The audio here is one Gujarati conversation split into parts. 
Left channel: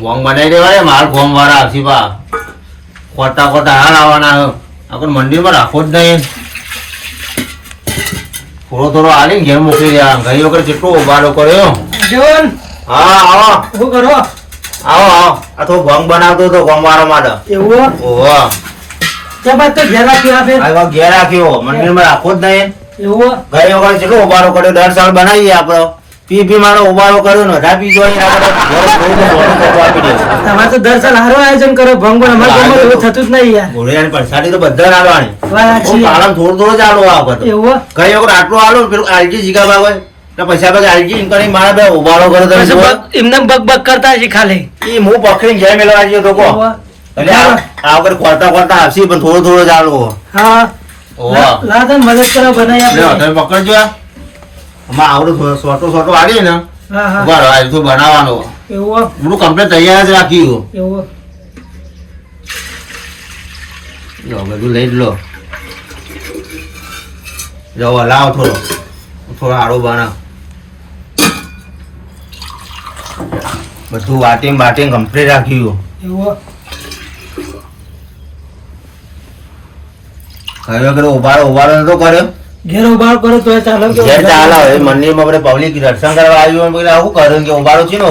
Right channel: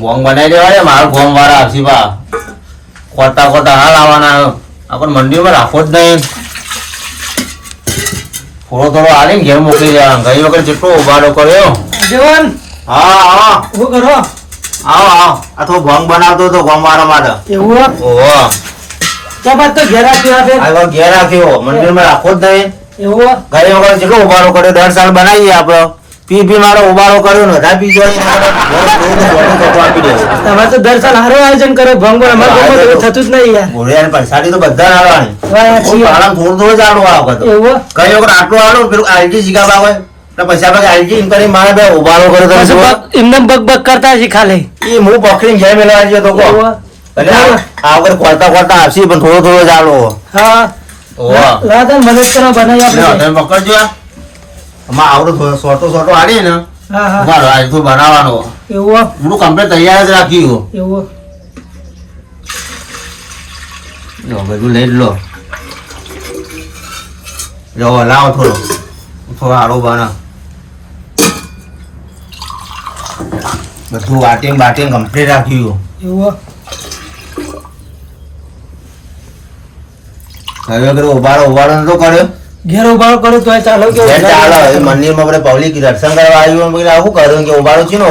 ભોંગ બનાવી દેવાય મારા ભોંગ વાળા આવશે બા ખોટા ખોટા હાલ આવવાના આપણે મંદિરમાં રાખો જ નહીં થોડો થોડો આવીને ઘેર મોકલી દેવા ઘણી વખત જેટલો ઉભારો કર્યો જીવન હા આવો શું કરો આવો આવો આ તો ભોંગ બનાવતો હતો ભોંગ મારવા માટે એવું ઓહો તો બાદ તો ઘેર રાખ્યો આપે આ ઘેર રાખ્યો મંદિરમાં રાખો જ નહીં એવું ઘણી વખત જેટલો ઉભારો કર્યો 10 સાલ બનાવીએ આપણે પી મારો ઉભારો કર્યો ને રાપી જોઈ તમારે તો દર સાલ હરે આયોજન કરો ભંગ અમારે થતું જ નહીં યાર બોરિયાની પરસાડી તો બધા આલવાની કાળમ થોડું થોડું જ આલો આ બધું એવું કઈ વખત આટલું આલો પેલું આલજી જીગા બાબા તો પછી આપણે આલજી ઇન કરી મારા બે ઉભારો કર્યો તમે જુઓ એમને બગ બગ કરતા છે ખાલી ઈ હું પકડીને જય મેલવા જયો તો કો એટલે આ વખત ખોલતા ખોલતા આવશે પણ થોડું થોડું જ આલો હા ઓહો લાદન મદદ કરવા બનાવી આપે તમે પકડજો આમાં આવડો સોટો સોટો આડી ને હા હા ઉભારો આજ તો બનાવવાનો એવું હું કમ્પ્લીટ તૈયાર જ રાખ્યું એવું લો બધું લઈ લો લો લાવો થોડો આડો બનાવ બધું વાટીંગ બાટીંગ કમ્પ્લીટ રાખ્યું એવું હવે વગર ઉભારો નતો કર્યો ઘેર ઉભારો કરો તો ચાલો કે ઘેર ચાલો એ મંદિરમાં આપણે પબ્લિક દર્શન કરવા આવ્યું એટલે આવું કર્યું કે ઉભારો છે ને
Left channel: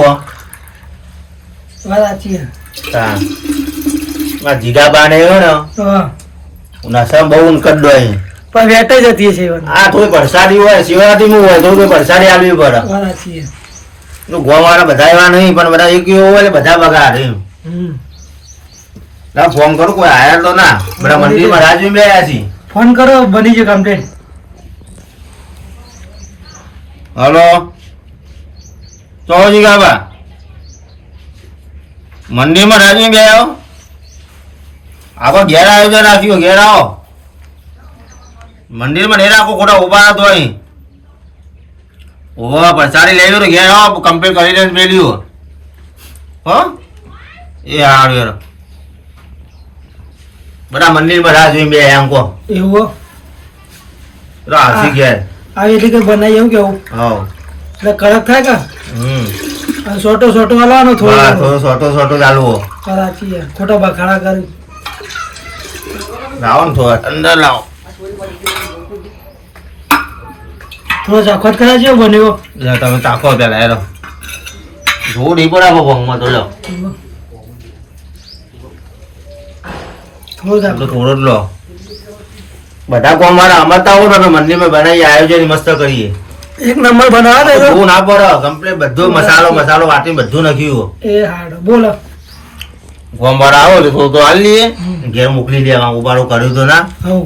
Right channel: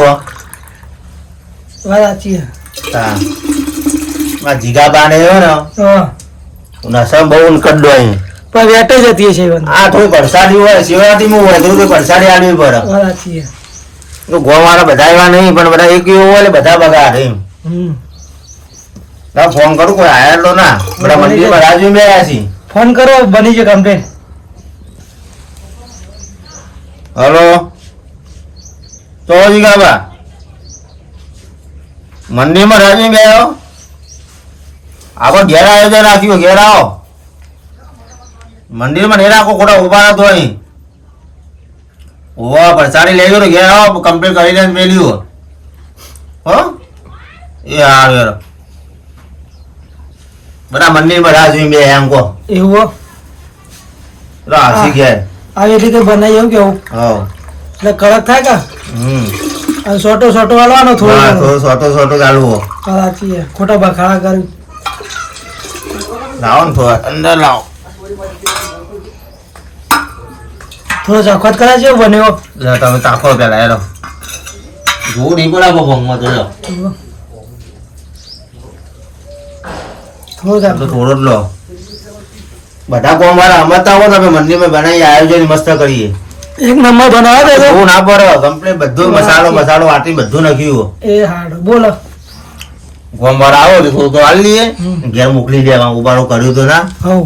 વાચી હા જીગાબા ને આવ્યો ને હા નસમ બહુ ઉનકડો અહીં તો વેટે જતી છે આ થોડી પરસાદી હોય શિવરાત્રી માં હોય થોડી પરસાદી આલવી પડે વાચી ગોવાળા બધા એવા નહીં પણ બધા એક એવો હોય એટલે બધા બગાડે એમ ફોન કરું કોઈ આયા તો ના બધા મંદિરમાં રાજુ બે આવ્યા છે ફોન કરો બની છે કમ્પ્લેટ હલો ચોજી ગાબા મંદિરમાં રાજુ બે આવ્યો આવો ઘેર આયોજન રાખ્યું ઘેર આવો મંદિરમાં નહીં રાખો ખોટા ઉભા તો અહીં ઓહો પ્રસાદી લઈ ગયો ઘેર આવો કમ્પ્લીટ કરી લઈને મેલ્યું હો એ હારું યાર બધા મંદિરમાં રાજુ બે એમ કહો એવું રાશી ઘેર આવી રીતે બનાવી એવું કેવું હા એટલે કડક થાય કે અને સોટો સોટો વાળવાનો થોડો સોટો સોટો ચાલુ સાચી ખોટા બખાડા કરું લાવો ને થોડા અંદર લાવો થોડો ચખત કરાય છે બન્યો તમે તાકો પેલા યાર જોવું નહીં પડે ભંગમાં તો લો થોડો જ લો બધા કોમ વાળા અમરતા હો ને મંદિરમાં બનાવી આયોજન મસ્ત કરીએ એક નંબર બનાવો દે બહુ ના પડે કમ્પ્લીટ બધું મસાલો વાટી બધું નાખ્યું એ હાડ બોલો કોમ વાળા આવો તો થોડું તો હાલ લઈએ ઘેર મોકલી દેવા ઉબારો કર્યું તો ના હવ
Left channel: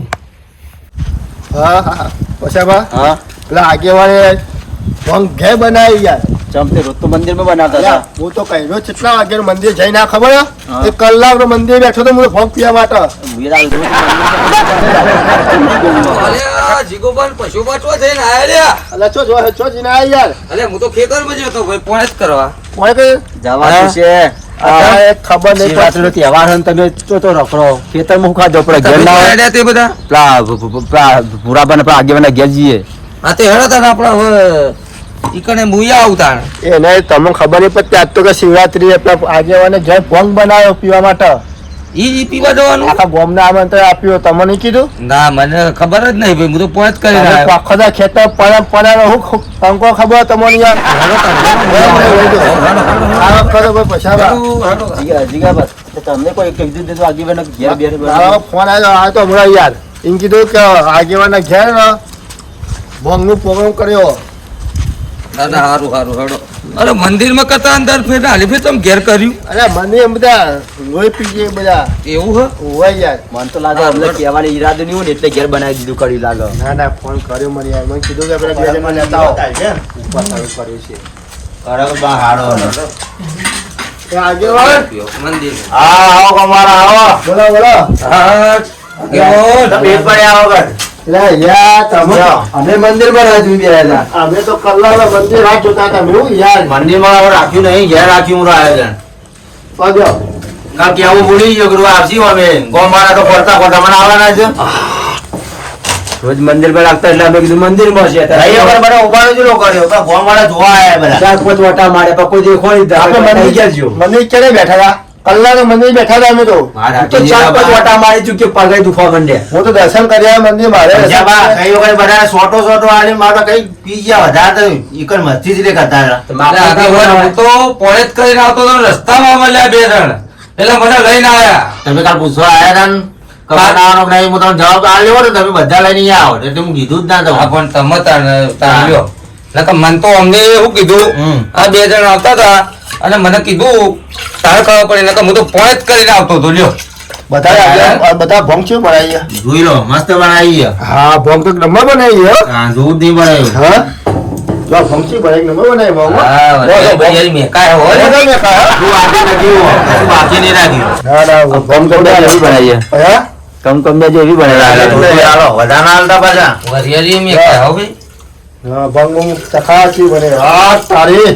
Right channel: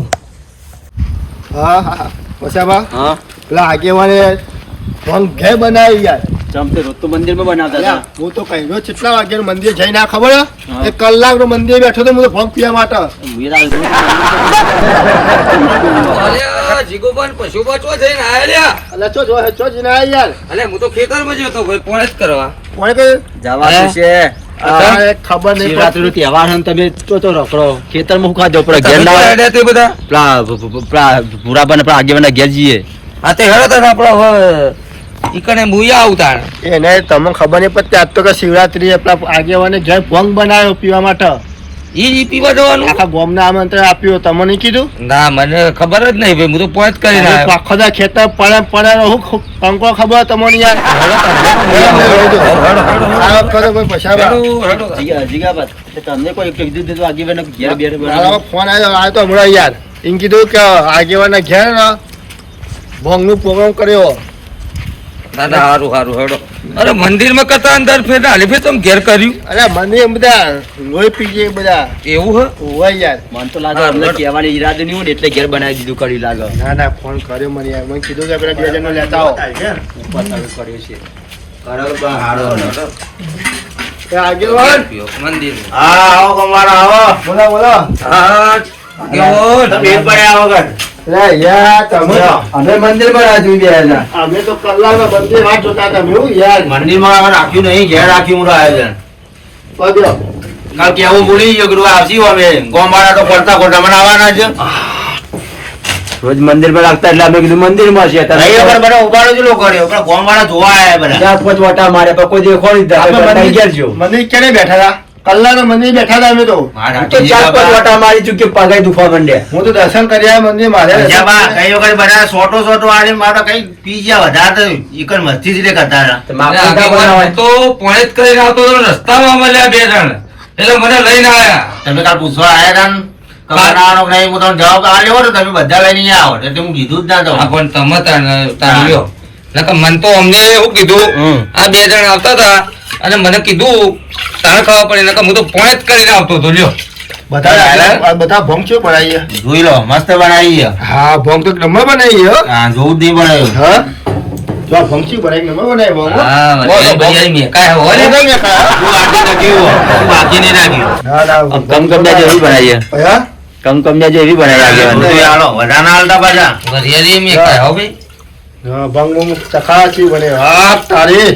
હા હા પછાબા હા પેલા આગેવાને ભંગ ઘેર બનાવી યાર ચમતે રોજ તો મંદિરમાં બનાવતા અલ્યા, હું તો કહી રહ્યો કેટલા વાગ્યાનું મંદિર જઈ ના ખબર હે? એક કલાકનો મંદિર બેઠો તો હું તો ભંગ પીવા માટે જીગોબન પશુબા ચો થઈને આયા લ્યા અલ્યા ચો જીને આય યાર અલે હું તો ખેતરમાં જ હતો ભાઈ પોણે જ કરવા કોણ કે જવાનું છે આ એક ખબર નહીં શિવરાત્રીનો તહેવાર છે ને તમે તો રખડો ખેતરમાં હું ખાજો પડે ઘેર ના હોય તે બધા પેલા ભૂરાબાને પેલા આગેવાના ઘેર જઈએ હા તે હેડો તને આપડા હવે ઈકને મુયા આવતા એને તમને ખબર નહીં પડતી આજ તો કે શિવરાત્રી આપણા આગેવાને ઘેર ભંગ બનાવ્યો પીવા માટે ઈ પીવા જવાનું આખા ગામને આમંત્રણ આપ્યું તમને નહીં કીધું ના મને ખબર જ નહીં ભાઈ હું તો પોણે જ કરીને આવ્યો આખો દા ખેતર પડે હું કંકો ખબર તમને યાર તમને કોઈ કીધું દીધું આગેવાના ઘેર બેર મારા ફોન આવ્યો તો હમણાં યાર એમ કીધું કે આગેવાના ઘેર ને ભંગ નું પ્રોગ્રામ કર્યો દાદા હારું હારું હેડો અરે મંદિરમાં કરતા અંદર ફેર હાલી ફેર તમે ઘેર કર્યું અરે મને એમ બધા લોહી પી ગયા બધા એવું હે હોય યાર મન તો લાગે અમને કહેવાની ઈરાદો નહીં હોય ને એટલે ઘેર બનાવી દીધું કર્યું લાગે ના ના ફોન કર્યો મને યાર મને કીધું કે પેલા 2 જણને લેતા આવો ઉપર સારું કર્યું છે બરાબર હાડો એ આગેવાન મંદિર હા આવો કમારા આવો બોલો બોલો હા કેવો પેટ પડ્યા વગર લે યાર તમે અમે મંદિર માં રાજુ બેલા અમે તો કલાક મંદિર રાત જોતા હતા હું યાર મંદિર માં હવે રાખ્યું નહીં ઘેર રાખ્યું હું આયોજન પગ્યો કાલ કેવું ભૂલી ગયો કે આવશી અમે ગોમાળા તો ખોરતા ખોરતા મને આવવાના છે રોજ મંદિર પર રાખતા એટલે અમે કીધું મંદિરમાં છે ભાઈઓ પર બધા ઉભાડો જ લોકો કર્યો પણ ગોમવાળા જોવા આયા બધા ચાર પાંચ વટા મારે પણ કોઈ દેખો નહીં આપણે થઈ ગયા છો મંદિર ક્યારે બેઠા હતા કલાક મંદિર બેઠા હતા અમે તો મારા તો ચાર પાંચ વટા મારી ચૂકી પગે દુખવા માંડ્યા હું તો દર્શન કર્યા મંદિર મારે પંજા બા કઈ વખત બધા સોટો આલી મારો કઈ પી ગયા વધારે તો ઈકન મસ્તી જ રે કરતા હતા. તો માપનું કામ બનાવાય. તો પોણે જ કરીને આવતો તો રસ્તામાં મળ્યા બે જણ એટલે મને લઈને આયા. તમે કાલ પૂછવા આયા હતા ને કે બનાવવાનો કે નહીં હું તમને જવાબ આલ્યો ને તમે બધા લઈને અહીંયા આવો એટલે હું કીધું જ ના તો હા, પણ તમે તાર્યો એટલે મન તો અમને એવું કીધું આ બે જણ આવતા હતા અને મને કીધું તારે ખબર પડી એટલે હું તો પોણે જ કરીને આવતો હતો લ્યો. બધા ભોંગ છે બનાવી જોઈ લો મસ્ત બનાવી છે. હા ભોંગ તો નંબર બનાવી હો હા જોવું જ નહીં બનાવ્યું. હા જો આ ભોંગ છે બનાવી નંબર બનાવી ભોંગ હા, વચ્ચે ભાઈ મેં કાંઈ હોય ને. જો આજે નથી એવું. બાકી નહીં રાખ્યું. કમકમિયા જેવી બનાવી છે. હા કમકમિયા જેવી બનાવી આગેવાની. બધું હાલો વધારે ના હાલતા પાછા. વરિયાળી મેં કાંઈ હો ભાઈ. હા ભોંગ ચખાચી બને હા તારી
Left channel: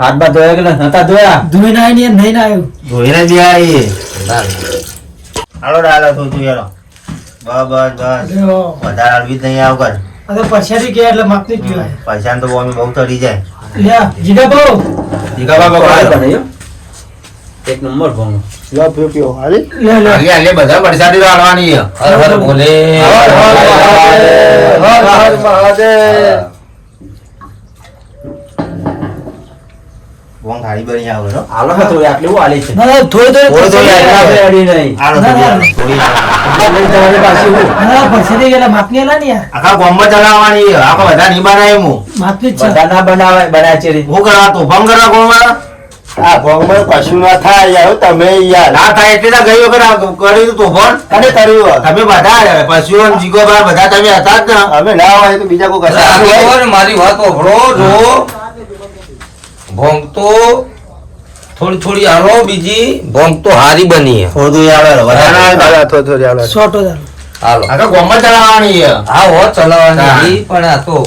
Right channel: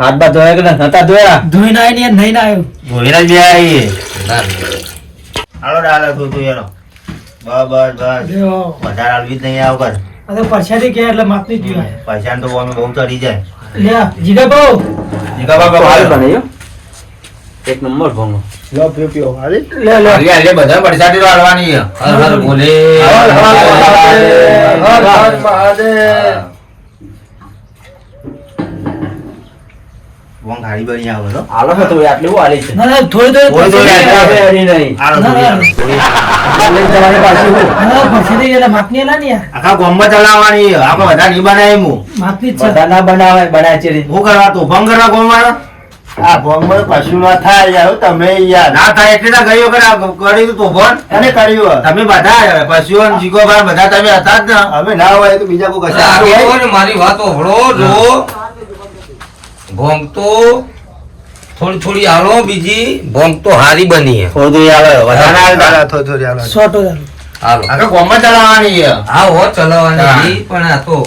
હાથ બાદ ધોયા કે ના? નતા ધોયા? ધોઈને આવીને નહીં ના આવ્યો. ધોઈને જ આવીએ. ના, ના. હાલો ડાલો તું તું હેલો. બસ જો, વધારે હાલવી જ નહીં આવ કર. આ તો પરસાદી કે એટલે માપની પીવાય. પૈસા તો અમે બહુ ચડી જાય. લ્યા જીગા બહુ જીગા બાબા સારું પાડો. બનાવ્યું. એક નંબર ભોંગો. લો પીઓ પીઓ હાલી લે લે હાલી હાલી બધા પરસાદી તો હાલવાની છે. હર હર ભોલે. હર હર મહાદેવ વોંગ હારી બની આવો છો. હાલો હા થોડી આટલી હું હાલી છે. ના ના થોડી થોડી થોડી થોડી આપણે અડી નહીં. હાલો ના, ના. થોડી. આપણે લઈને જવાની પાછી હું. ના પરસાદી એટલે માપની એલા ને યાર. આખા ગામમાં ચલાવવાની છે. આપણે બધા નહીં બનાવી હું. માપની જ છે. બધા ના બનાવાય બનાય છે હું કરવા તું ભંગ કરવા ગોળવાળો? આ ભોંગમાં કશું ના થાય યાર તમે યાર ના થાય એટલે ના ગઈ વખત આ કર્યું તું ભણ. અને કર્યું તમે બધા પશુઓ ને જીગો બા બધા તમે હતા જ ને. અમે ના હોય તો બીજા કોઈ આ કશા કેવો ને મારી વાત ઓભળો જો ભોંગ તો થોડી થોડી હાલો બીજી ભોંગ તો હારી બની છે. થોડું આવે વધારે ના હાલતા. થોડી હાલો સોટો ચાલો. હાલો આખા ગામમાં ચલાવવાની છે. હા હો ચલાવવાની પણ આ તો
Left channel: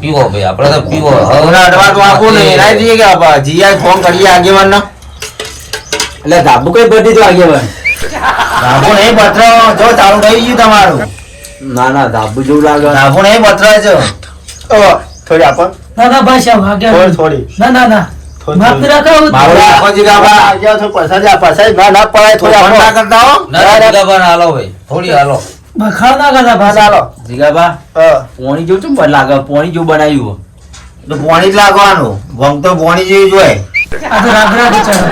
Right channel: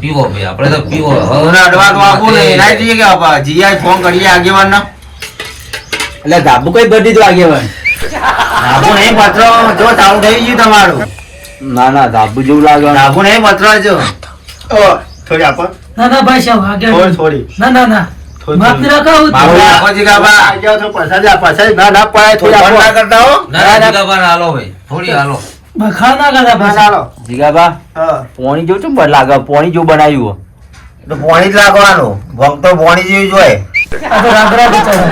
પીવો ભાઈ આપણે તો પીવો હવે અડવા તો આપું ને એના જઈએ કે આપા જીયા ફોન કરીએ આગેવાનને. એટલે ધાબુ કઈ બધી તો આગેવાન. ધાબુ નહીં પત્ર જો ચાલુ થઈ ગયું તમારું. ના ના ધાબુ જેવું લાગે. ધાબુ નહીં પત્ર છે. થોડી આપો ના ના ભાઈ સાહેબ આગળ. થોડી થોડી ના ના ના માપની રાખાવું. મારું આખો જીગા બા. આ જાઓ તો પૈસા જ આપા સાહેબ ના ના પડે થોડી ફોન ના આપો કરતા હો. ના જીગાબાને હાલો ભાઈ થોડી હાલો બખાડ ના કરતા પાછા. હાલો જીગાબા હા પોણી જેવું ચમ લાગે પોણી જેવું બનાવ્યું. તો પોણી જ લાગવાનું. ભંગ તો પોણી જેવી જ હોય. આ તો રાગરા બચાવે.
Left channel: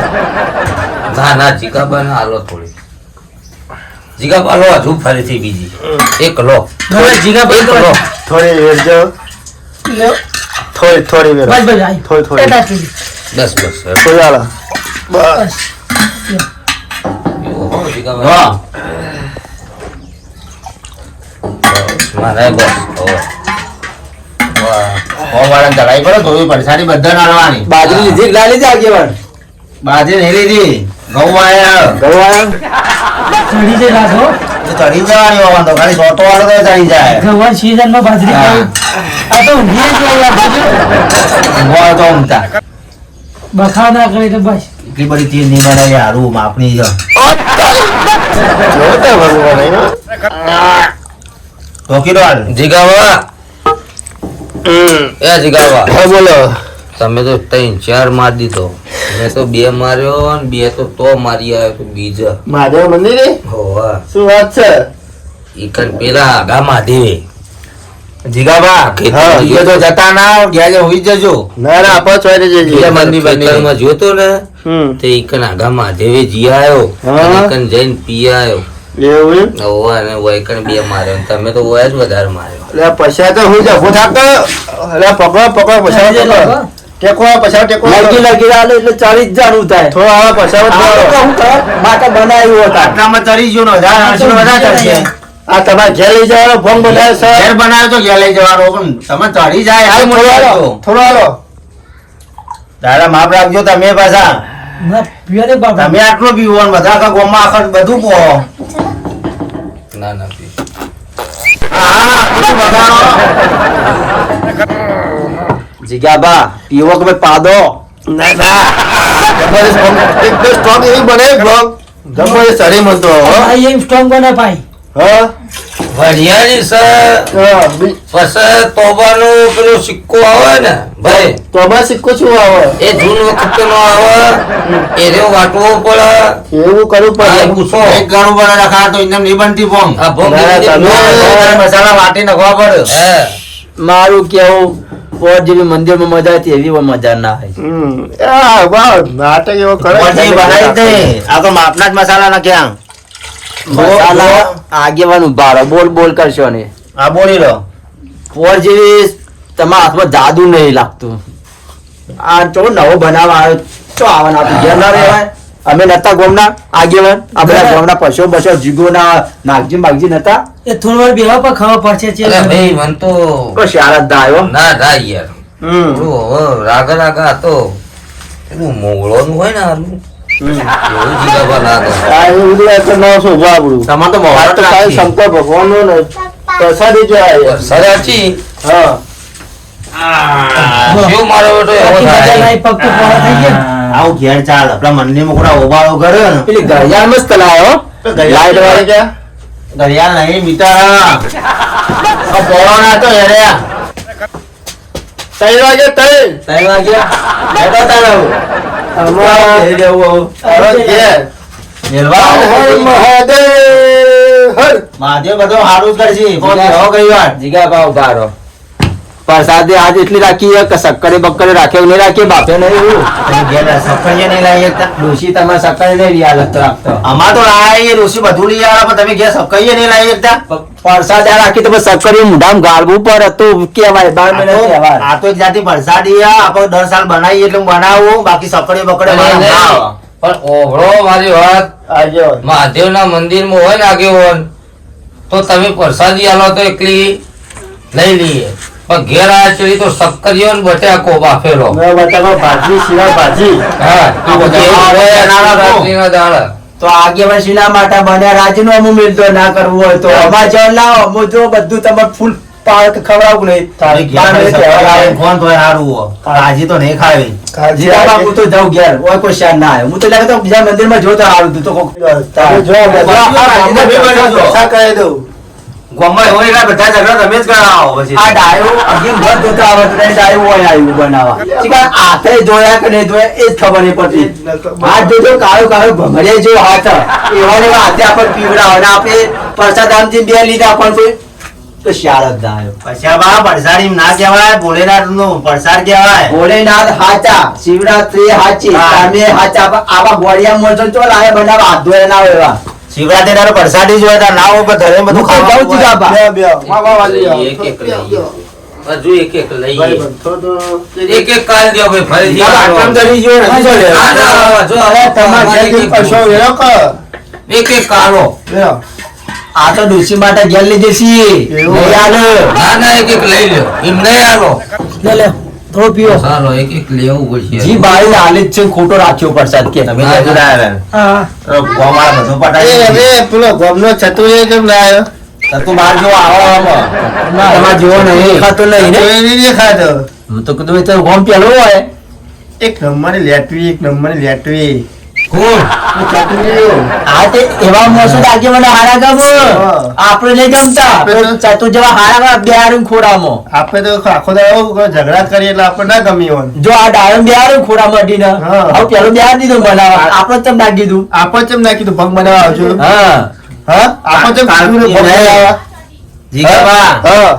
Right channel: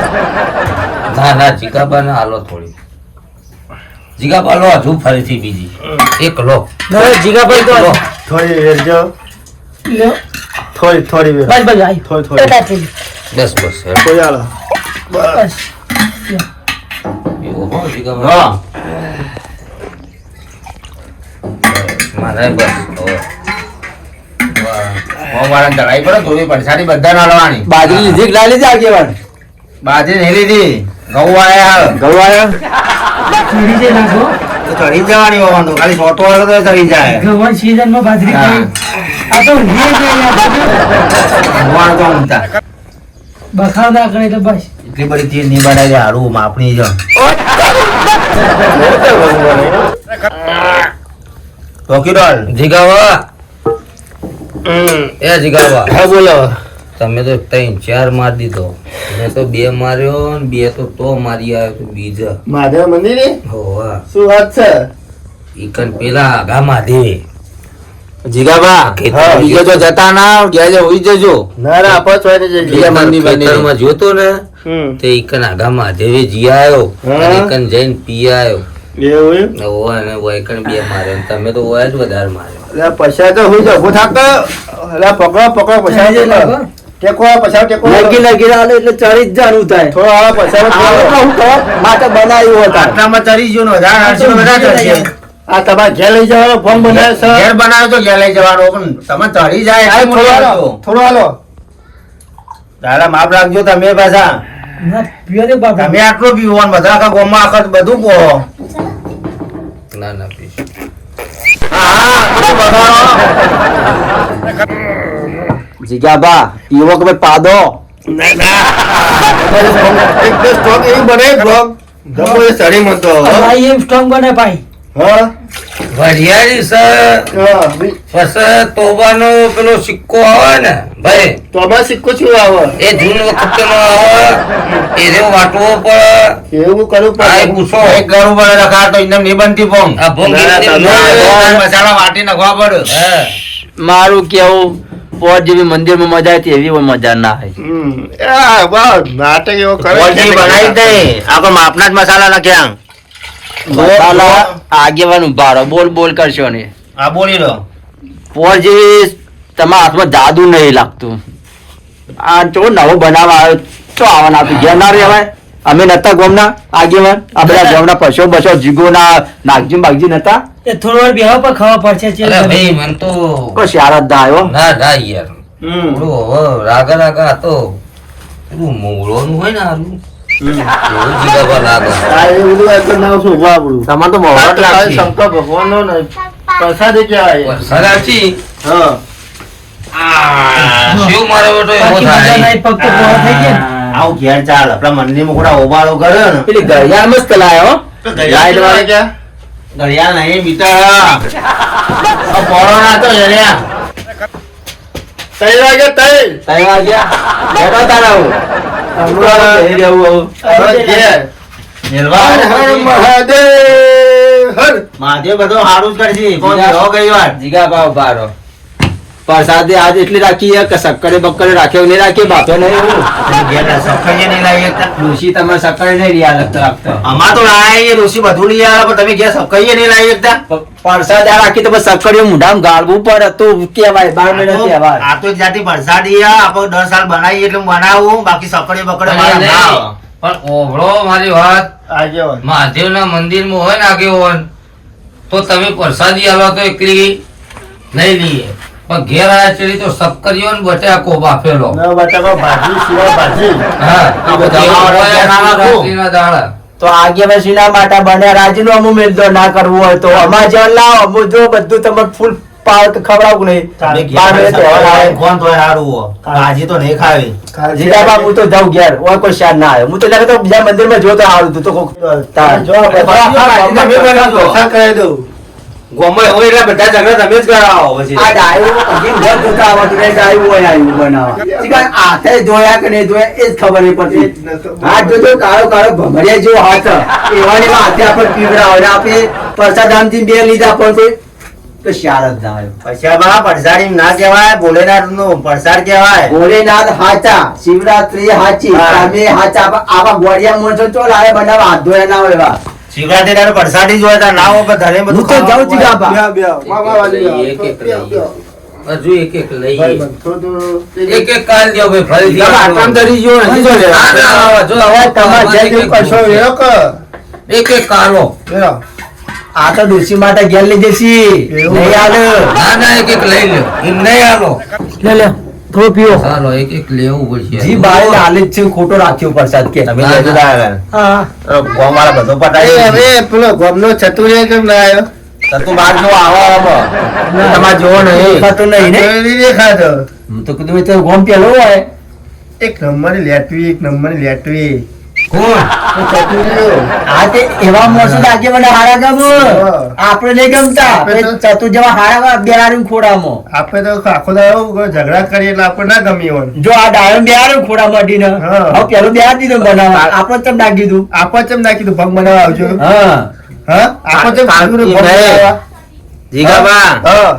ના ના જીગાબાને હાલો થોડી જીગાબા લો હજુ ફરીથી બીજી એક લો એક લો થોડી વેર જાઓ લ્યો. થોડી થોડી વેર બસ બસ આઈ. થોડી થોડી આટલી. બસ બસ થોડી હાલો બસ. એવું હો જીગાબા હા. મને બસ વાળા ચડાઈ પડે થોડી પરસાદી બધાને હાલવાની. બાજરી લીધી કે ના લીધી આગેવાન? બાજરી નહીં લીધી. ઘઉં વાળા ઘઉં આવ્યા? ચડી જાય રાખો. તો ચડી જવાની હોવાનું તો ખાલી સોટો વાળો તો ચડી જાય. ગવાન season માં બાજરી ખાઈ. આ તો ઊંઘી જાય યાર. મોર તો ઊંઘતા. બખાડ ના કરે તો બસ. એટલી બધી ચીજ નહીં બનાવી હારું માપની છે. રોકીડોલ. જીગાબા એ જીગાબા બોલો તમે તો 3-4 માર દીધો મેં તો 2 માર્યો ને 2 તો મારી આવ્યો તો બીજા મહાદેવ મંદિરે હોવા શું વાત છે ઈકન પેલા આગા મહાદેવે જીગાબા ખેતર તો જતા ના ગયા હોઈ જજો. ના ના આપો છો એટલે જઈએ ખેતરમાં જોતો ને હમ તે ઈકન આગા મહાદેવે જી આવ્યો હા. અને ઈકન જઈને પી આવ્યો એવું એમ? હોવા અને વૈકન 2 માર્યો ને તમે તો વયા જ વધારે માર્યો એટલે પૈસા તો હું જભું થાકતો એટલે પકડો પૈસા ચડી જાય પકડો. રાખો. ટેકો પૈસા ટેકો લગી લગી આલે એટલે ચડી જ જાણું થાય. થોડો આ પૈસા હાલો તો હું કરે? માટે બનાવ્યું હતા. આટલામાં ચડી ગયો ને 1800 વધારે ચડશે. આ તમારે ઘેર લઈ જવાનો ફોન બનાવે છે ઘેર બનાવ્યો તો ઘેર લઈ જવાનો પણ તમે ચડી જાય એટલે થોડો મોટી હાલો, વાત. થોડો હાલો. તારા માપ રાખજો તમે પાછા. ના પીવા દે બાપા. તમે આટલો પીવો ને બધા આખા ગામમાં આખા બધું પો. ના ના પી જીગાબા પીવો કે ભાઈ પાદો? ના ના એક બે સ્ટોક એવી બને બ્લોગ જમો એ સરી મતો ભાઈ એમ સ્ટ્રોંગ બને ભાઈ. હા વરિયાળી છે પછી તોબાનો પેલો સિક્કો આવે ને ભાઈ તો બસ સિક્કો શું આવે એ જૂન વખતે નો આવે એ રહ્યો વાટવો પડે એવું કરું આ પણ પૂછો એક ગળું પર રખા તો એમને નહીં બનતી પોંગ. આ ભોંગ મસાલા વાટી નાખવા પડે. હે મારું કેવું પોત જેવી મંદિરમાં મજા હતી એવી મજા ના આવી. આ વાહ નાટક એવો કરે મોટી બનાવી દે. આ તો માપના જ મસાલા નાખ્યા. આગેવાન ઉભા રહો, બોલ બોલ કરશો ને. આ બોલી લો. પોર જેવી તમારા હાથમાં જાદુ નહીં લાગતું. આ જો નવો બનાવવા આવ્યો તો આવવાના હતું ઘેર ના રહેવાય. અમે નતા ગોમના આગેવાન આપણા ગામના પશુ બસો જીગોના નાગજી બાગજી નતા. એ થોડો વાર બેહવા પર ખબર પડશે છે. અરે ભાઈ મન તો બસ યાર જ આવ્યો. ના થાય યાર થોડું હવે રાગા હતો પેલું મોગળોનું હોય ને આલું એવું જીગાબા ના થાય. આ એવું બધું તો ના શોભા આપણું તમારે તો મોહરત લાગશે. શંકર ભગવાનનો ને પ્રસાદી છે આ યાર. સરાચી હા શિવ મારો બેટો એવો બાકી મજા થાય નહીં, પગ તો પહોળા થઈ ગયા. આવું ઘેર ચાલ. આપણા મંદિરમાં ખોટા ઓબાળો કરે ને. પેલી ઘડિયાળ મસ્ત લાવ્યો. તો લાઈટ વાળી ક્યાં ઘડિયાળ નહીં બીટા. આ પોળો ના હતો એને. 3 વાગે 3 ત્રણ વાગ્યા. બેઠા તારા હું. હમણાં થઈ ગયું હવે. બસ ઘેર. મેલવા હર હર મહાદેવ હર મહાદેવ બધો સારું જ કરશે. કોણ કેવો ગઈ વાર? જીગા ભાવ બારો પ્રસાદી આજ એટલી રાખી છે કે સક્કરે બક્કરે રાખ્યો નહીં રાખી બાપે નહીં એવું. ઘેર સક્કરીએ નહીં લાવી એકતા. ડોશી તમારે સક્કરે નહીં રહ્યા લગત રાખતો. અમાર તો લાવી ઋષિ બધું લઈ આવ્યા પણ તમે ઘેર સક્કરીએ નહીં લાવી એકતા. પ્રસાદ આ રાખી તો સક્કરે મુઢામાં ગાળવું પર હતું કેવાય 12 મહિના કહેવાય. આ તો એક જાતિ પ્રસાદી આપણે દર સાલ બનાવીએ એટલે હું બનાવું. બાકી સક્કરી બકડે મારા ના આવે. પણ ઓભળો મારી વાત આજે મહાદેવના મંદિરમાં હોય ને આગેવાન તો તમે પ્રસાદી આલો તો એકલી લઈ લઈએ પણ ઘેર આવ્યા સુધી તો સક્કરીઓ ને બટાકો બાફેલો મેં બટાકા ભાજી સિવાય ભાજી હા આ બધા એવું હોય નાના નાના બાજરીના દાણા. તો આગેવાન શ્રીના માટે બન્યા રાજીનું અમુ મેલતો ના કરવું હોય તો અમાર જેવા લાવો અમુ જો બધું તમે ફૂલ પાવ ખવડાવું નહીં. તારે ઘેર 12 મહિના સક્કરી તહેવાર આવે. લાવીને કોણ તોય હારું હો. ભાજી તો નહીં ખાવી. જીગા બાપુ હું તો જાઉં ઘેર ઓય કોઈ શાન ના આવ્યો. હું તો લાગે તો બીજા મંદિરમાં જોતો હારું તું તો કોક તમે જો આ બધા તમે બનાવો. પૈસા કરી દઉં ગોમાં હોય એટલે બધા ઝઘડા તમે જ કરાવો પછી. આ ડાયો હજી ઘર જોતો આવતો નહીં, ડાયો હોય આવ્યું બનાવવા. જીગા હાથે જોયા કે નહીં જોયા એ જ ખબર નહીં પડતી. હાથ જોજો કાળો કાળો ભમરિયા જેવો હાથ એવા ને એવા હાથે આપણે પીવડાવે ને આપણે પ્રસાદ આમથી બે લીધા પણ કોઈ તો શાળ જ ના આવ્યો. પછી બા પરસાડી ના કહેવાય. ભોલેનાથ નું પરસાદ કહેવાય. ભોલેનાથ હાચા, શિવરાત્રી હાચી, હા. તમે હાચા. પણ આવા ગોળિયા મોણસો ચો લાવે બનાવવા હાથ ધોયા ના હોય એવા. શિવરાત્રી ના પરસાદી જોયે તાર લાવો પણ ધરે બધું હું તો જાઉં છું ખાવાનું બાપા. બે વાહ વાહ વાલી એક એક લઈએ. હજુ એક એક લઈએ થોડું એક એક કાલ દ્યો ભાઈ ફરીથી બાપા, આટલામાં ધરી ગયો ને, શું લે? ના, ના, જો હવે તમારે જે જેમ કશો વેરો કે એક એક કાલો વેરો આ તો ડોસી માટે ઘેર લઈ જશી. એવું? નહીં આલો. ના ના એક એક લઈ લો એમ નહીં આલો લે લે થોડો પીવો. ચાલો એક એક લેવું પડશે જી બાળી હાલે જ છે ખોટો રાખ્યો પ્રસાદ કે તમે તો જુદા આવ્યા. હા તો ગોમાળા બધું એ પટાઈ હવે પેલો ગોમનો ચતુરે કેમ ના આવ્યો તો તું બહાર જો આવો આવો. તમારે જોવો નહીં દેખાતો નહીં ને. ચતુરે નહીં દેખાતો હું તો કીધું એ તો ગોમ પેલો હોય. એક નંબરની લેટવી એક નંબરની લેટવી કોણ? ચતુર્યો આ તે એવા મોસમ લાગે મને હારા ગમ. હા. આપણે નહીં ગમતા. આપણે તો- આપણે ચતુર જેવા હારા બે હારું ખોરામાં. આપણે તો આખો દાડો ઝઘડા કરીએ એટલે આપણે ના ગમી હોય જો આ ડાયમ બે હારું ખોરા મટીને હા. હવે પેલું બે હાર દીધું બનાવવા આપણે ચમ નાખી દીધું. આપણે ચેમ ના કીધું ભગ બનાવવા આવજો હા હા આપણે ચેમ કીધું ને ભગ નહીં. બનાવવા? જીગાબા, હા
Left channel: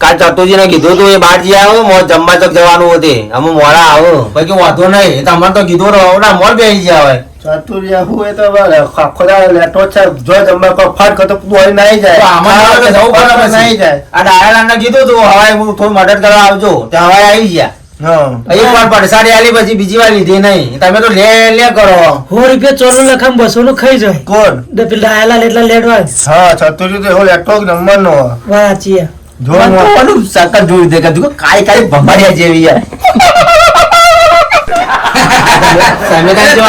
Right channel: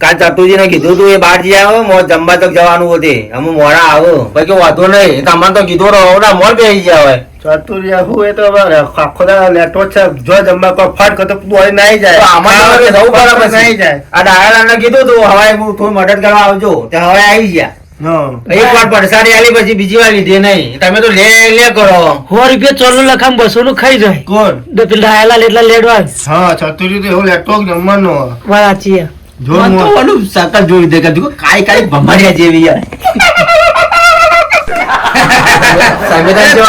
કાલ ચતુર્જી ને કીધું તું એ બહાર જઈ આવો મોર જમવા તક જવાનું હતું અમે મોડા આવો પછી કે વાંધો નહીં તમને તો કીધું રહો ના મોર બેસી ગયા હોય ચતુરિયા હું એ તો હવે આખો દાડો લેટો છે જો જમવા કોઈ ફટ કરતો દોડી નાઈ જાય તો આમાં તો હવે જવું પડે પછી. નાઈ જાય આ ડાયાલાલ ને કીધું તું હવે હું થોડું મદદ કરવા આવજો ત્યાં હવે આવી ગયા હા એક વાર પડસાડી આલી પછી બીજી વાર લીધી નહીં તમે તો લે લે કરો. 100 રૂપિયા ચોરનું લખામ 200 નું ખાઈ જાય. કોણ પેલા ડાયાલાલ એટલા લેડવા જ. હા ચતુરી તો એવો લેટો જમવાનો વાત સાચી છે. જો મને તો ઓલું સકલ જોયું દે કે જો કાઈ કાઈ ભમારિયા જેવી યાર. તમે તો જો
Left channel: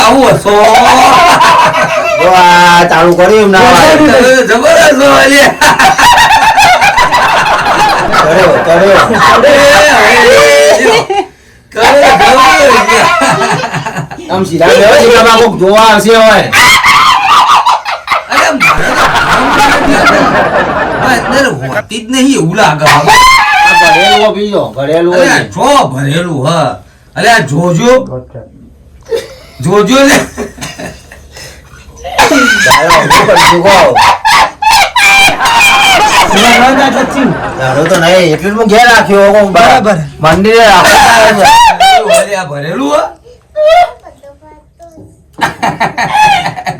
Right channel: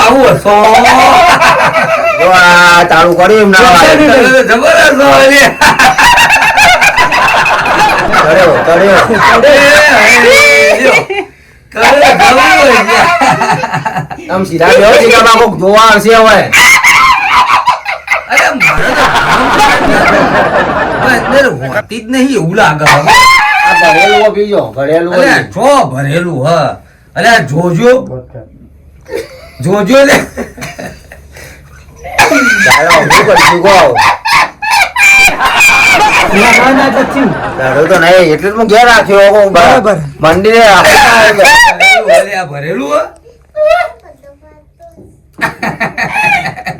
આવું હશો જો આ ચાલુ કર્યું એમ ના હોય. જબરદસ્ત હોય લે. કર્યો, કર્યો. કરે જવું હોય. આમ સીધા બેહો, જીગાબા કોક જોવા આવશે હવે. અરે મારે તો હવે અત્યારે હોતી જ નહીં એવું લાગે હવે. આ ભરેલું હો બીજો ભરેલું અરે હોય. આ જો ભરેલું હ અરે આ જોજો જોજો લે તારે શું કરશું કહો? ના, ના, નથી. દારૂ તો નહીં એટલે જ હું ઘેર રાખ્યો કહું. બરાબર. મંદિરે રાખ્યો. અરે આ ભરેલું હ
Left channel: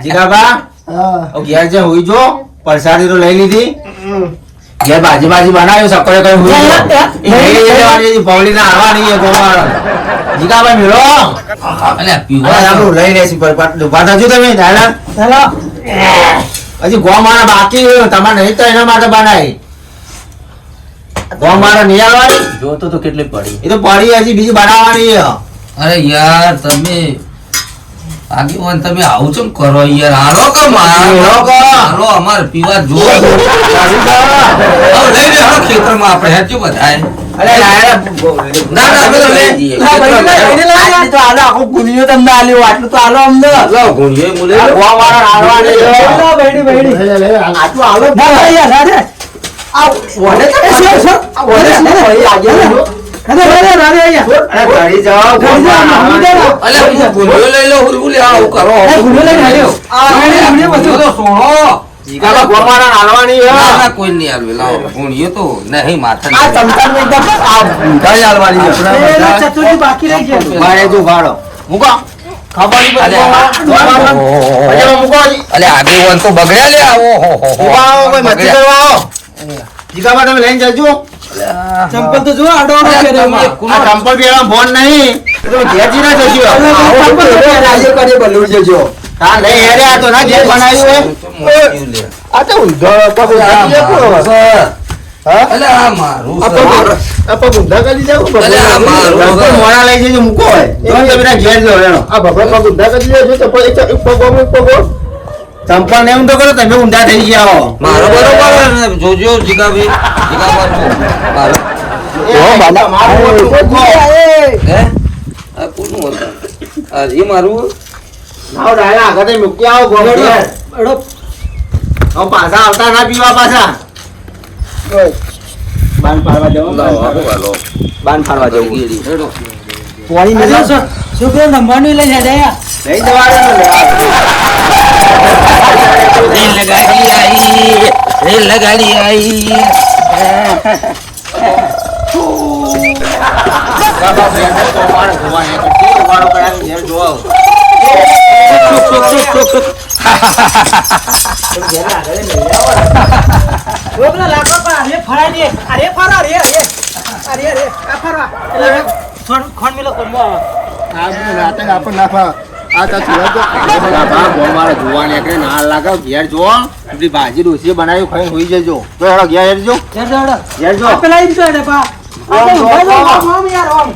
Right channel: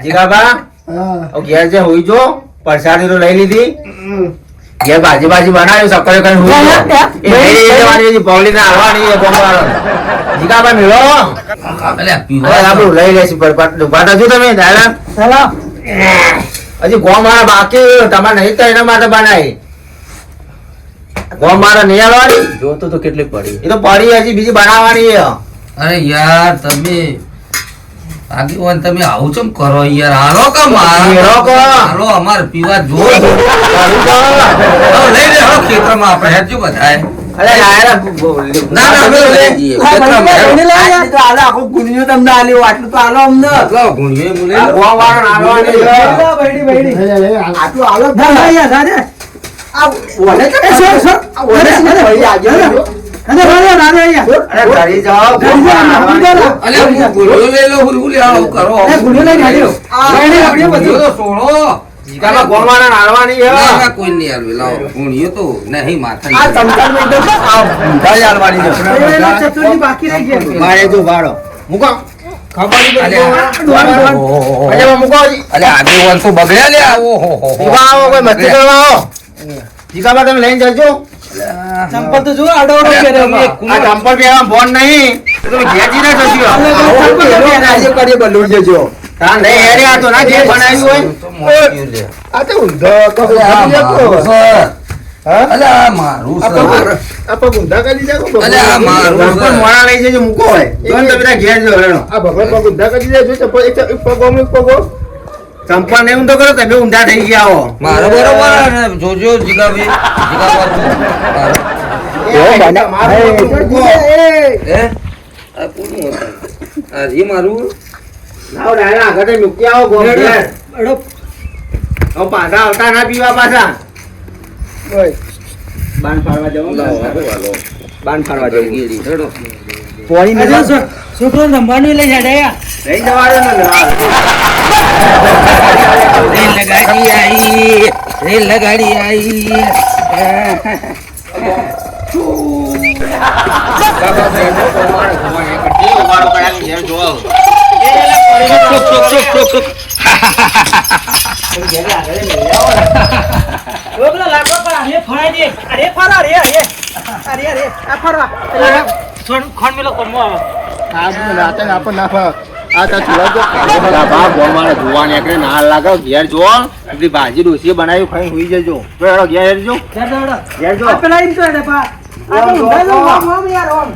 જીગાબા હા હવે ઘેર જે હુઈ જો પ્રસાદી તો લઈ લીધી ઘેર ભાજી ભાજી બનાવ્યું સકરે કઈ હુઈ જો એ લઈ લેવાની છે પૌલીને આવવાની છે ગોમવાળો જીગાબા મેળો અરે આ પીવા હવે આપણું લઈ લેશું પર ઉભા થજો તમે દાદા ચાલો. હજી ગોમાળા બાકી તમારે નહીં તો એના માટે બનાવી ગોમાળા નહીં આવવાની જોતો તો કેટલી પડી એ તો પડી હજી બીજી બનાવવાની છે. અરે યાર તમે આગેવાન તમે આવું ચમ કરો યાર હાલો કે હાલો કે. હાલો અમાર પીવા જો પડી તો. લઈ લે હાલો ખેતરમાં આપણે હેચું બધાય અરે લાયા ના ના અમે લઈ જઈએ ખેતરમાં આટલી તો આલો આખું ગુનિયો તમને આલ્યો આટલું તો આલો અમને ગુણીએ મુલે ગોમાળા આવવાની છે. ચાલો, બૈડી, બૈડી. આટલું આલો ના, ના, યાર, રાધે. આ વડે તો એ, સર, સર. આ વડે છે ને, વળી આગે જો. રાધે, રાધે, રાધે, અહીંયા. અરે ઘડી જાઓ ઘડી જાઓ, ગોમાળા ઘડી જાઓ. અલે હું ગુણીઓ લઈ લો હુલહુલી આવું કરો એ, ગુનો લઈને આવ્યો. બૈડી, આપણે બધું. ગુણીઓ તો સોણો જીગાબા ગોમાળા નાલવાની છે. ના ના કોઈ નહીં આલવે લાવો ગુણીઓ તો નહીં માથા આ ચમચા નું એકદમ આ ઊંધા જ આલવાની છે. એ, ચતુર્થી બાકી રહી ગયા. મારે તું ભાડો મૂકો ખબર નહીં અલે, પડતી પજામા મૂકો હજી. અલે આગેવાન તો બગડ્યા લે આવો હો હો ઊભા આવો કોઈ મસ્તી કરવા આવો જીગાબા તમે લઈને જજો ચંપલ તો જુઓ, આડો આડો પહેર્યો એમાં. આ ચંપલ પહેરવા ફોન નહીં તો તમે ઘેર જઈને જજો આવું તો પેલો આજે કરી બદલી જજો. હા નહીં હેરે આ તો ના ઘેર બનાવ્યું હોય આ તો ઊંધો પગ આવી ગયો. હા અલે આ મારું આ છે. પગ ઊંધા કરી જાવ અલે આ મારું લગભગ છે. મોડા લઈ જજો મૂકો હોય જો ને તમે તારા ઘેર જો હેડો. આ ભગવાન પગ ઊંધા કરી જાય છે તો એક પગ આમ, એક પગ આમ. ચંપલ નહીં ઊંધો કરો તમે ઊંધા થઈ ગયા હો મારો બરોબર ને જોજો જીગાભાઈ મારો હે આ કોનું હતું આ એ મારું લાવો ડાયરા આગળ મૂકી આવો ગોળ ઘેર. આડો. હવે પાછા આવતા ના પીવા પાછા બાન પાડવા જવું લાવો હાલો હાલો બાન પાડવા જવું ગીરી હેડો પોણી આજે છોકરો રમવાનું લઈને હેડ્યા. લઈ જવાનું લગાડી આવી રેલ લગાડી આવી છોકરા લાગો પણ અરે ફરાઈ દે. અરે ફરા, અરે, અરે. અરે, અરે. આ ફરવા. એટલે ખોંડ મેલો કોમો આવે. આ બધું નાટક આપણને ના ફાવે. આ તો છોડો તો. જોવા નીકળે ના લાગે ઘેર જો એટલી ભાજી ડોસી બનાવી ખાઈ હોઈ જજો જો હેડો ઘેર હેડજો ઘેર દોડો. ઘેર જો આ પેલા ઈ રીતે હેડે પા. આ તો ઊંધા જાઓ, આમ, આમ યાર, આમ.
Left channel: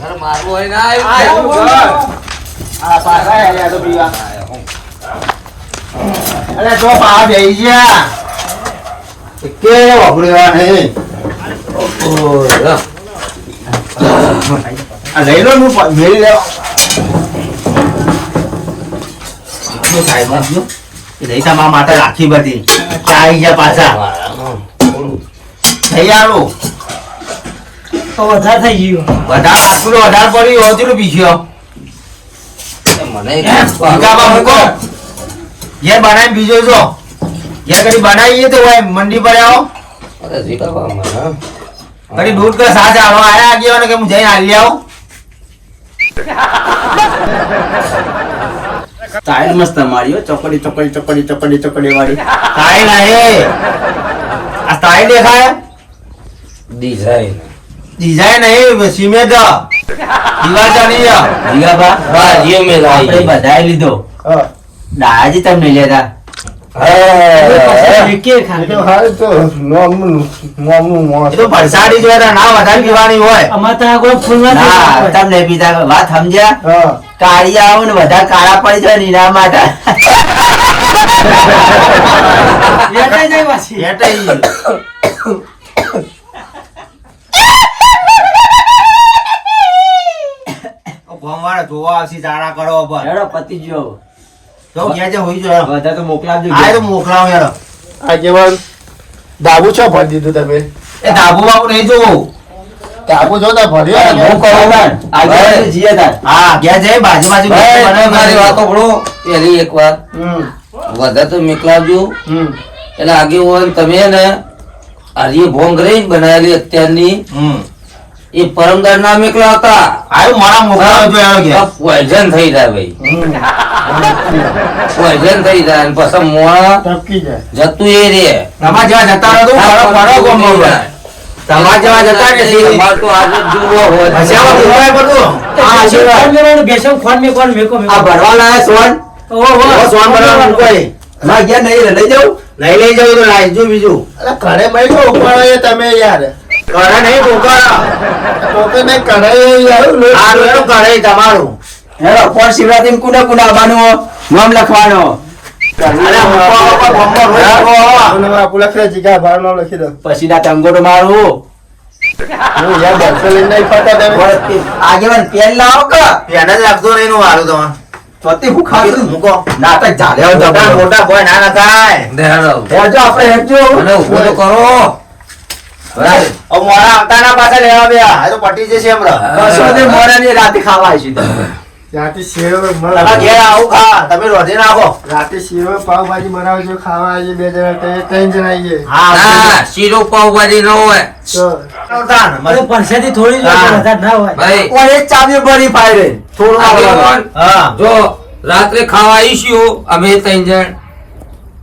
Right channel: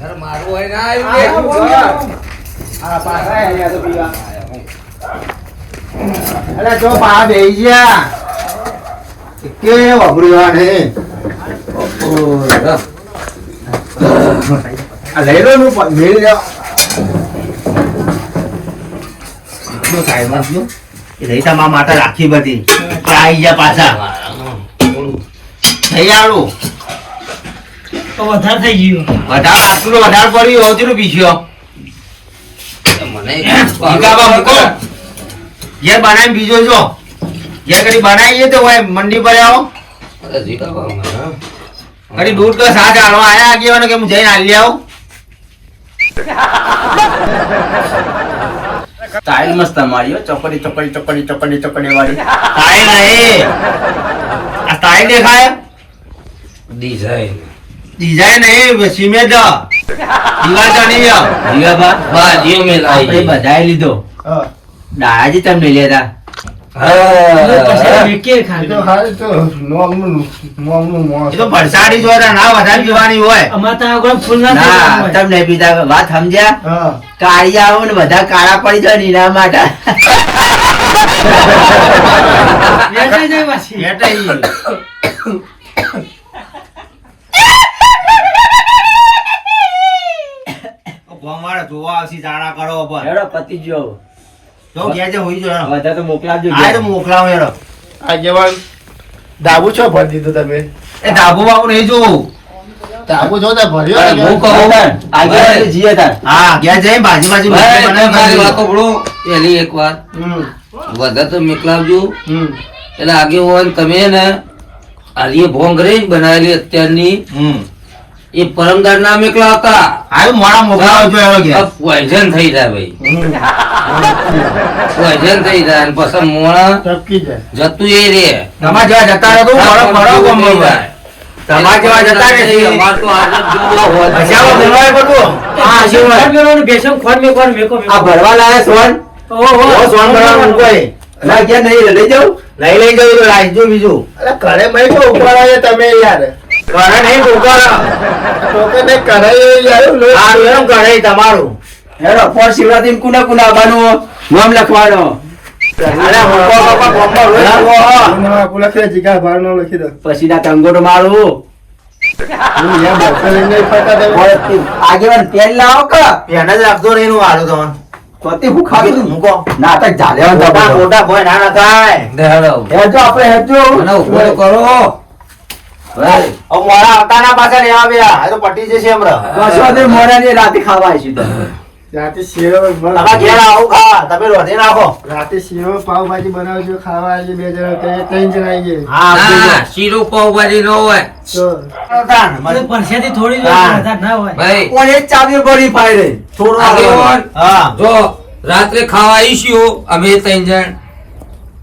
ઘર મારું હોય ના આમ, આવ્યું આમ, આમ. આ પાછા હેડ્યા તો પીવા અરે જો પા બેહી ગયા કે વાપરવા હે આ લઈ લો નું મેળી લેવા એ લઈ તમારા માટે રાખી બધી ચાઈ ગયા પાછા થઈ આવું તો વધારે થઈ ગયું. વધારે આટલું વધારે પડ્યું હોતું પીછ્યો મને ભૂકાબા મૂકો ઘેર બનાવી બીજો જો ઘેર કદી બનાવીએ તો હોય મંડી પર આવો અરે જીગાબા મને કદી દૂધ કે સાથ આવા આયા આગેવાનો કે હું જઈને હાલી આવું સ્ટાઇલ મસ્ત મારી હો. ચોકડી ચોકડી ચોકડી ચોકડી ચોકડી વાળી સ્ટાઇલ નહીં આ સ્ટાઇલ દેખાય ડિઝાઇન ડિઝાઇન નહીં સિમેન્ટ દિવાલ ચણી જીગાબા બાજીઓ મેં આપણે લાવી બધાએ લીધો હા દાદાજી તમને લેતા પછી વિકે એ ખાલી. તો હાલ તો નોમનું મોસ. એ તો ભરસાડી જોતા ના વધારે પીવાની હોય અમારે તો આ કોઈ ફૂલમાં ના થઈ તમને પીતા વાત સમજ્યા હા કાળિયા આવો ને બધા કાળા પડી જાય ને એના માટે જાય. જાય પાછી. એટલે ઈ. ગામવાળા જોવા આવશે જાણા કરો પર હેડો પતિ જો તો ગયા છે હોઈ જો બધા તો મોકલાવજો આ તો મોકલાવ યાર આગેવાન ડાબુ છો ભરી દીધું તમે એ ધાબુ બાબુ નહીં જોવું ડાબુ છો ને ભર્યો અરે, ને? હું કહું આગળ જીએ તાર હા ગયા છે ભાજી ભાજી ભાઈ, મારી વાતો ભણો પહેલી એક વાત હમ વધારે તો મેકલાવજો હમ એટલે આગે હોય તમે ને આલી ભોંગરી બનાવેલી અત્યારની એ પરમદાર ના મેકલા હતા આયું મોડા મોકલાવ જો એનો ગયા પોઈઝન થઈ જાય ભાઈ પોઈઝન થઈ જાય અને પછી મોણા ટપકી જાય જતું એ રે તમાર જેવા જતા રહો તો ફરક પડો ગમ ગમ. તમાર જેવા જતા નથી અમાર તો આજે જ જોવો હોય. પછી આવો બોલવાય બધું હા આશીર્વાદ બેસમ ખોન મે કોણ મેકો આ ભરવા લાયા સોન ઓ સોન બરાબર મૂકોય ના ગયા નહીં લઈ જાઉં નહીં લઈ જવું તો લાવજો બીજું અરે ઘરે ભાઈ તો ઉપાડાય તમે યાર ઘરે નહીં મોકલો તો કે નહીં કરાય યાર સારું એમ ઘરે તમારું હેલો પર શિવરાત્રી કુના કુના આવવાનું નામ લખવાનો અરે મૂકો બાપા ગમમાં રોજ આવો. આપું લખે જીગા ભાર નો લખી દો પછી ના ટંગોટો મારું હું યાર બસો લઈને નહીં ફરતા તમે આગેવાન પેન લાવો કે પેન જ રાખજો નહીં નું વાળું તમે તોતી હું ખાધું મૂકો નાટક ચાલે મોટા મોટા કોઈ ના ના થાય દેહાડો. હેજો આપણે હેજો મને ઉભો તો કરો હવે મોડા આવતા ના પાછા લેવા બે આ તો પટી જશે હમણાં દસવાદે મોડાની રાતે ખાવા આવીશું તમે. રાતે શીરો તમે ઘેર આવું ખા તમે રોધી નાખો રાતે શીરો પાવભાજી બનાવજો ખાવા આવીએ બે જણા ત્રણ જણા આવીએ ના શીરો પાવભાજી ન હોય તો મને પરસેથી થોડી જ હા. વધારે ના હોય ભાઈ ઓય એક ચાવી ભરી પાઈ રે થોડું આગેવાન, હા જો રાત્રે ખાવા આવીશું અમે ત્રણ જણ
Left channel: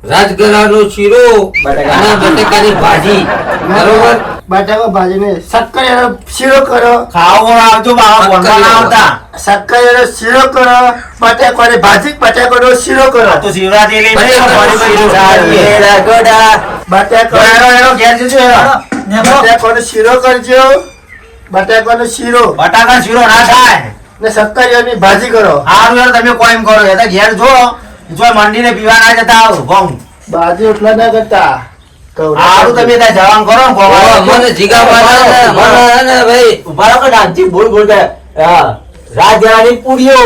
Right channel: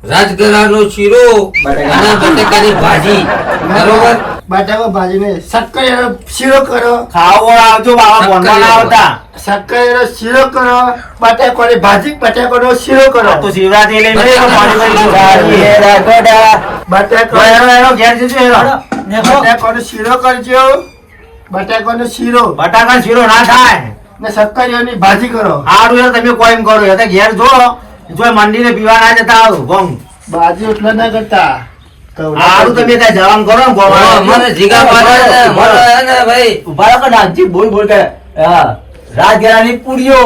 રાજગરાનો શીરો અને બટેકાની ભાજી બરોબર બટાકા ભાજીને શક્કર એનો શીરો કરો ખાવો આવજો બાવા ફોનમાં ના આવતા શક્કર એનો શીરો કરો બટાકાની ભાજી બટાકાનો શીરો કરો તો શિવરાત્રી લઈને બટાકા એનો ઘેર જજો એનો નેકો બટાકાનો શીરો કરજો બટાકાનો શીરો બટાકા શીરો ના થાય ને શક્કરીઓની ભાજી કરો હારું યાર તમે કોઈ એમ કરો એ તો ઘેર જો જો મંદિરે પીવા ના જતા આવો ભોંગ ભાજી એટલા ના કરતા હારું તમે ત્યાં જવાનું કરો ને ઓ, ગોવા મને જીગા પાડે ને, મને ને ભાઈ ઉભા રહો કે ડાન્સી બોલ બોલ કરે હા રાજ્યની પૂરીઓ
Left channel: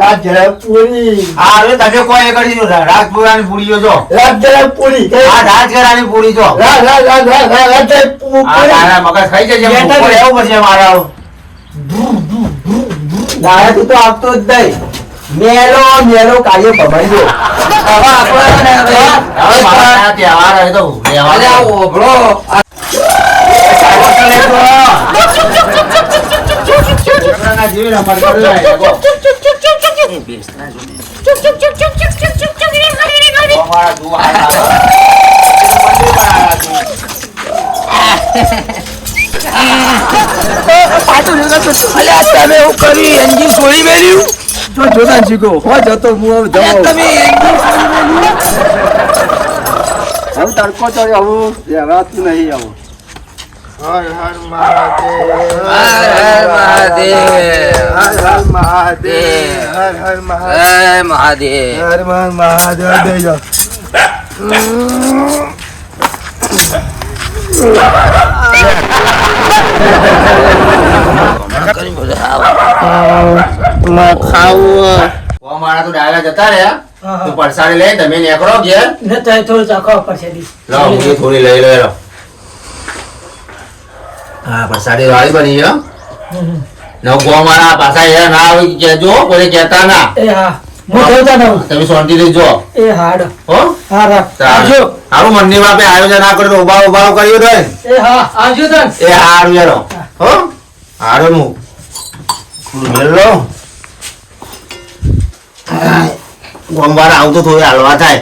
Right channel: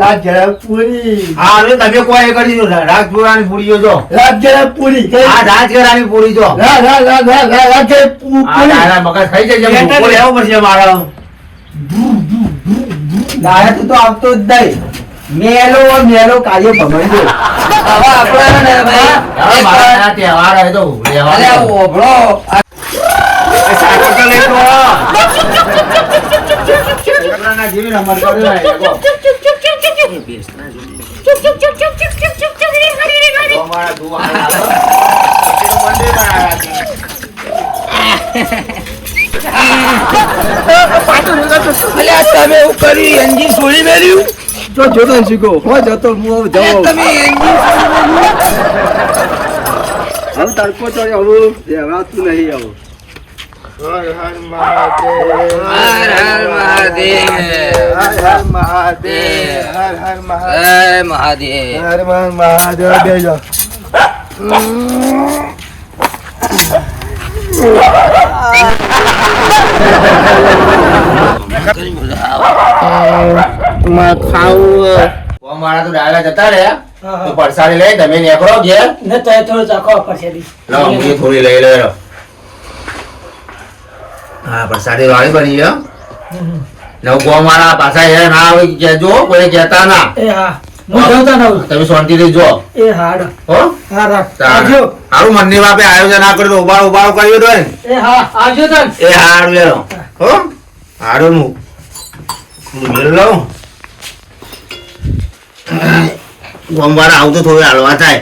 રાજ્ય પૂરી હારું તમે કોઈ એ કરી દીધું રાજપુરાની પૂરીઓ જો રાજ્ય પૂરી આ રાજગરાની પૂરી જો રાજ્ય આ પૂરી તારા મગજ ખાઈ જશે ભૂકો લેવું પડશે મારે દાયા તું તો આવતો જ નહીં મેલો મેલો કાયો ભમાઈ દો આપણે ને ભાઈ, હવે મારા આ તહેવાર હે તો અને લેવાનો. આ ઓભળો આ આ સાયકલ તો લઈ જો. છોકરાના જેવી રમત કરવી હોય, લેગો. અમારા દુઆ અલ્યા તમે એવું કર્યું એન્જિન છોડી મેલ્યું તો જોતા શીખો હો જતો હું અલ્યા તમે એન્જિન છોડી મેલ્યું હવે તડકો ચડ્યો આવું રહેવાતું નહીં આવું હર હર મહાદેવ હર હર મહાદેવ હર હર મહાદેવ હર હર મહાદેવ હે મહાદેવ હર હર મહાદેવ બેજો માં ખાવું અમારા તો ડાયરા જતા રહ્યા હા, તો હા. પરસાડી લઈ તમે નીકળો ઘેર ને તો થોડું ચાખવા પડશે બી લાવો હું એ થોડી લઈ લો હા પરસાડી વાળી બની ગયો નવ ગો મારા પાછા એ ના આવે કે કહેજો કોઈ કહેતા ના એ હા હું જોતા નવું તમે શાંતિથી જો એ હાડ હો હા રાખ તાણ. આવજો હારું મંદિર બાપે આયોજન ના કર્યું તો ઉબાળું ઉબાળું કર્યું તો એ હા આવજો તન એ હારું એનો હો હારું હું મેળ લઉં ગોમવાળા આવું તો થોડું હાલવા થાય